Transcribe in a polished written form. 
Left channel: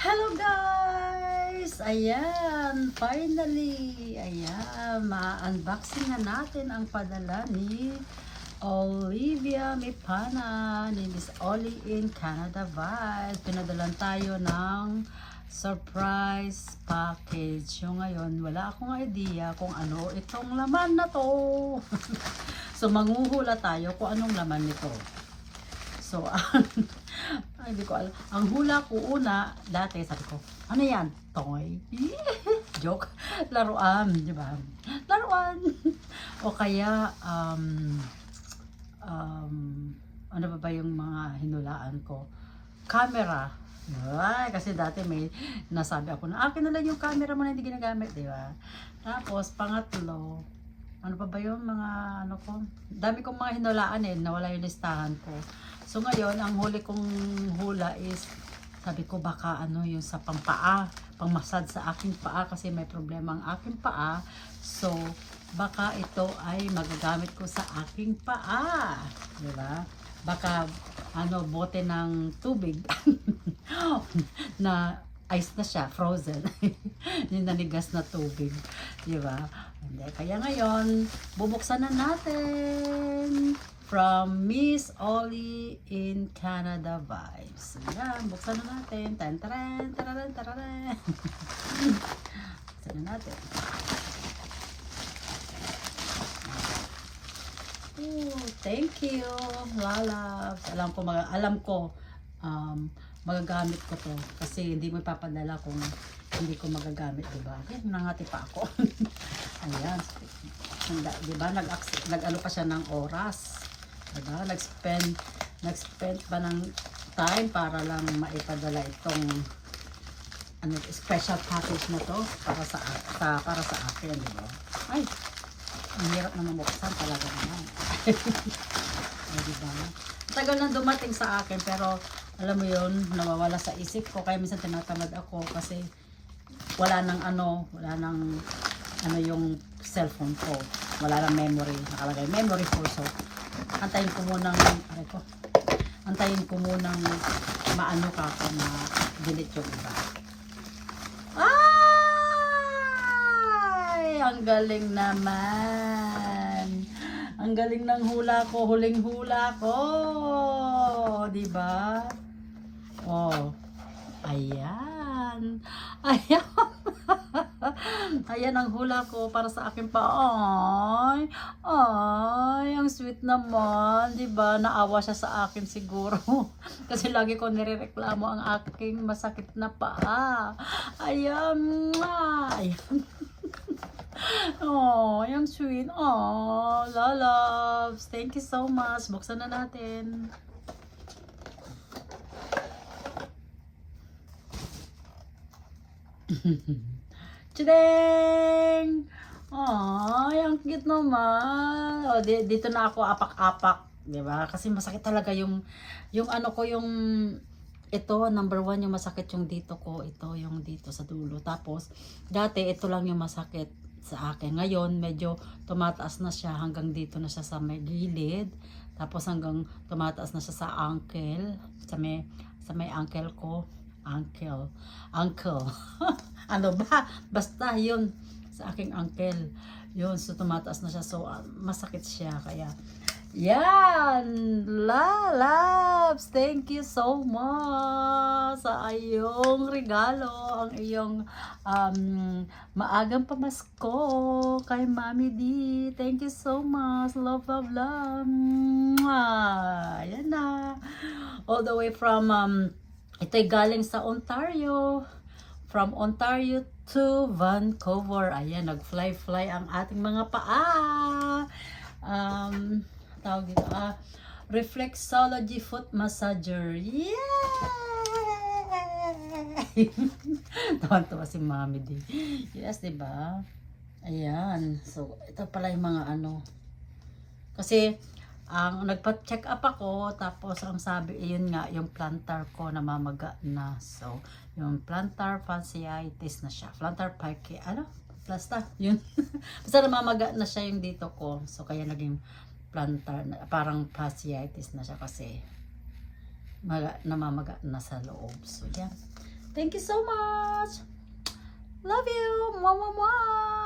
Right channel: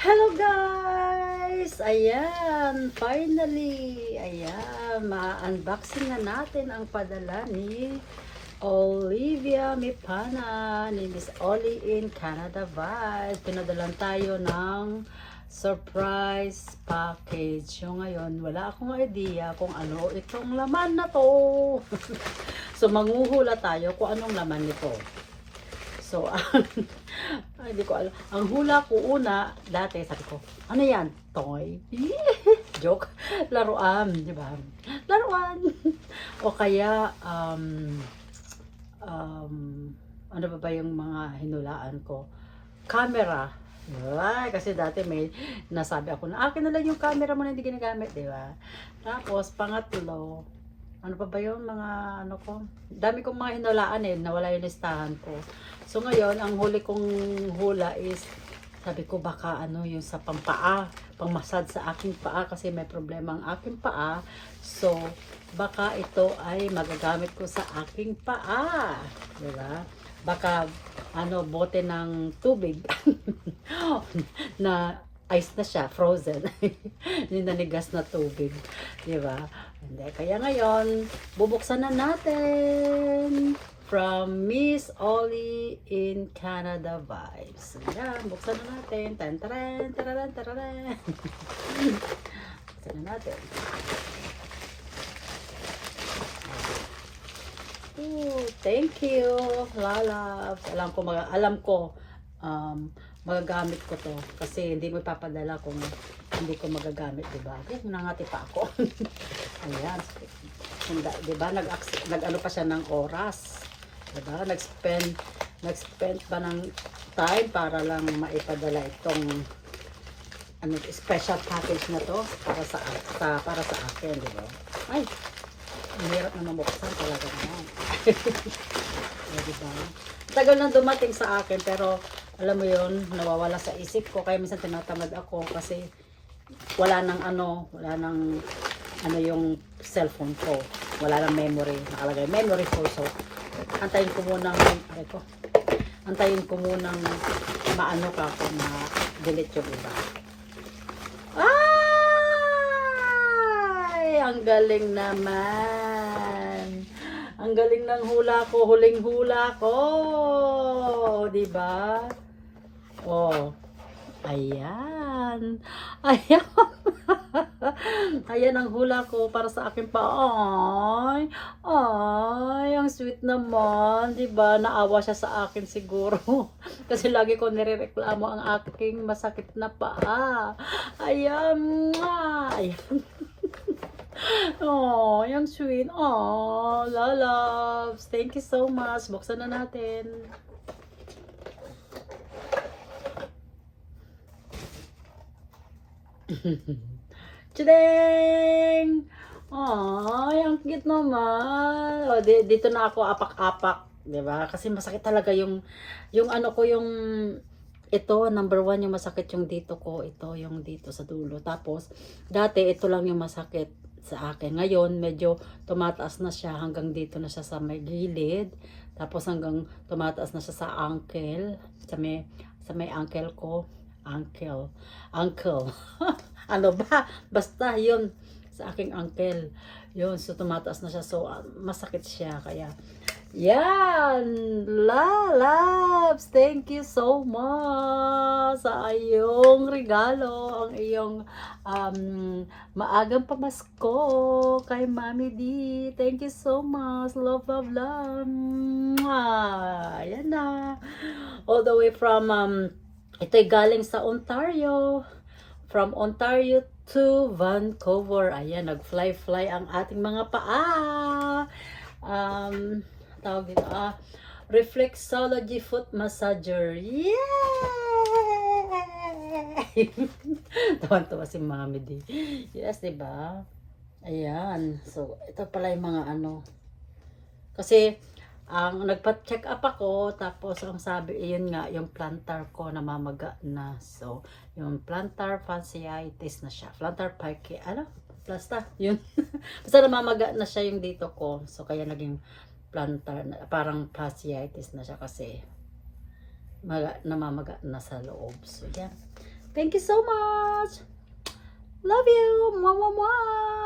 Hello guys! Ayan, finally! Ayan, ma-unboxing na natin ang padala ni Olivia Mipana ni Miss Oli in Canada Vibes. Pinadalan tayo ng surprise package. So ngayon, wala akong idea kung ano itong laman na to. So manghuhula tayo kung anong laman nito. So, ay, hindi ko alam. Ang hula ko una, dati sabi ko, ano yan? Toy? Joke. Laruan, di ba? Laruan. O kaya, ano ba yung mga hinulaan ko? Camera. Ay, kasi dati may nasabi ako na, akin na lang yung camera mo na hindi ginagamit, di ba? Tapos, pangatlo, ano pa ba yung mga ano ko? Dami kong mga hinulaan nawala yung listahan ko. So ngayon, ang huli kong hula is, sabi ko baka ano yung sa pampaa, pangmasad sa aking paa kasi may problema ang aking paa. So, baka ito ay magagamit ko sa aking paa. Diba? Baka ano, bote ng tubig na ice na siya, frozen. Yung nanigas na tubig. Diba? Hindi. Kaya ngayon, bubuksan na natin. From Miss Oli in Canada Vibes. Ayan, buksan na natin. Tan-taran, tararan, tararan. Buksan na natin. Ooh, thank you, lalabs. Alam ko, magagamit ko to. Kasi hindi mo ipapadala kung hindi ko magagamit, diba? Okay, nangati pa ako. Ayan. Diba, nag-ano pa siya ng oras. Diba? Nag-spend pa ng time para lang maipadala itong ano, special package na to para sa akin, di ba? Ay, ang hirap na mabuksan talaga naman. Diba? Tagal na dumating sa akin pero alam mo yon, nawawala sa isip ko kaya minsan tinatamad ako kasi wala nang yung cellphone ko. Wala nang memory, nakalagay memory full. So antayin ko munang maano ka kung ma-delete yung iba. Ay! Ang galing naman. Ang galing ng hula ko, huling hula ko. Diba? Oh. Ayan. Ayan. Ayan ang hula ko para sa akin pa. Ay, ang sweet naman, 'di ba? Naawa siya sa akin siguro. Kasi lagi ko nirereklamo ang aking masakit na paa. Ayan. Ayan. Oh, yung sweet. Oh, loves. Thank you so much. Buksan na natin. Chideng! Ay, ang cute naman. O, dito na ako apak-apak, 'di ba? Kasi masakit talaga yung ano ko, yung ito, number 1 yung masakit yung dito ko, ito yung dito sa dulo. Tapos dati ito lang yung masakit sa akin. Ngayon medyo tumataas na siya hanggang dito na siya sa may gilid. Tapos hanggang tumataas na siya sa ankle, sa may ankle ko. Uncle. Ano ba? Basta yun sa aking uncle. Yun, so tumataas na siya. So, masakit siya. Kaya, yan! Lalabs! Thank you so much sa iyong regalo. Ang iyong maagang pamasko kay Mami D. Thank you so much. Love, love, love. Mwah! Yan na. All the way from ito'y galing sa Ontario. From Ontario to Vancouver. Ayan, nag-fly ang ating mga paa. Tawag dito, Reflexology Foot Massager. Yay! Tawan-tawa si Mami D. Yes, diba? Ayan. So, ito pala yung mga ano. Kasi, ang nagpa-check up ako, tapos ang sabi, yun nga, yung plantar ko namamaga na. So, yung plantar fasciitis na siya. Plantar pike, basta, yun. Basta namamaga na siya yung dito ko. So, kaya naging plantar, parang fasciitis na siya kasi namamaga na sa loob. So, yan. Thank you so much. Love you. Mwah, mwah, mwah.